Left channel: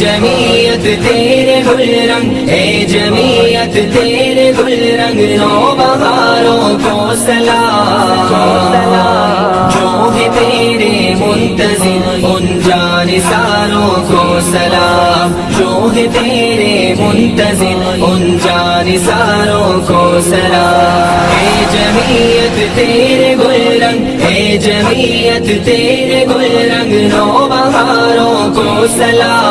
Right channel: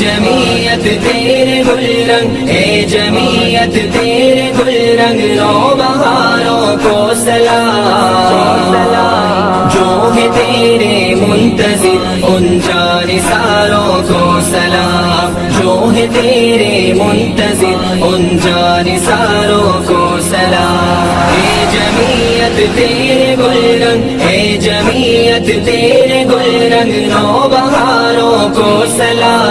جمعیت تیرے گل رنگ، اے جمعیت تیرے گل رنگ، نو بہاروں کو سلام، جو بھی تیرے منتظر ان جانثاروں کو سلام، جو بھی تیرے منتظر ان جانثاروں کو سلام۔ اے جمعیت تیرے گل رنگ، اے جمعیت تیرے گل رنگ، نو بہاروں کو سلام،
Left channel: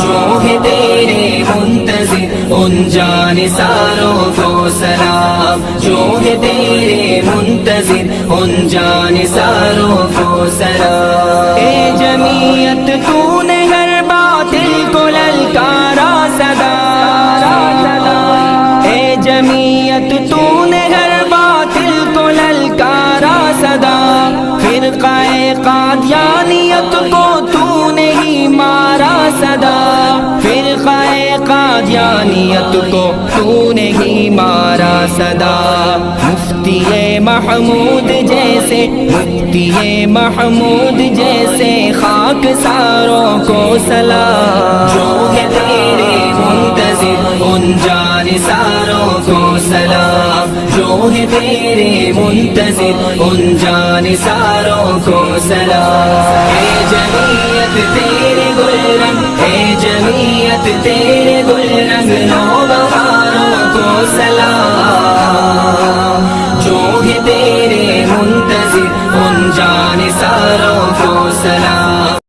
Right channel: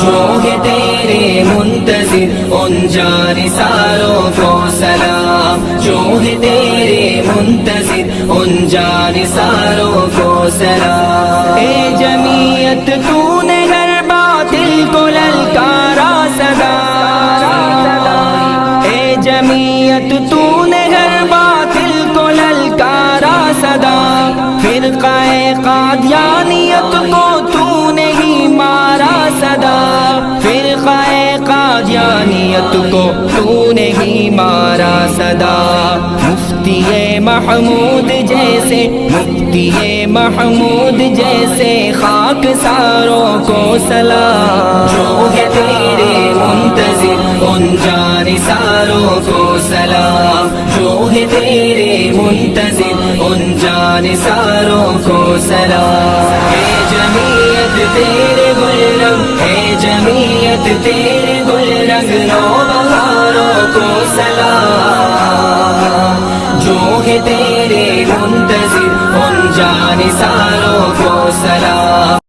جو بھی تیرے منتظر ان جانثاروں کو سلام، جو بھی تیرے منتظر ان جانثاروں کو سلام۔ اے جمعیت تو نے ہر باطل کو للکارا صدا، اے جمعیت تو نے ہر باطل کو للکارا صدا، فرقہ قادیانیت کو تو نے ہی مارا صدا، فرقہ قادیانیت کو تو نے ہی مارا صدا۔ مفتی محمود جیسے، مفتی محمود جیسے خاک ساروں کو سلام، جو کہ تیرے منتظر ان جانثاروں کو سلام، جو ہے تیرے منتظر ان جانثاروں کو سلام۔ اے جمعیت تیرے گل رنگ، اے جمعیت تیرے گل رنگ، نو بہاروں کو سلام، جو ہے تیرے منتظر ان جانثاروں کو سلام۔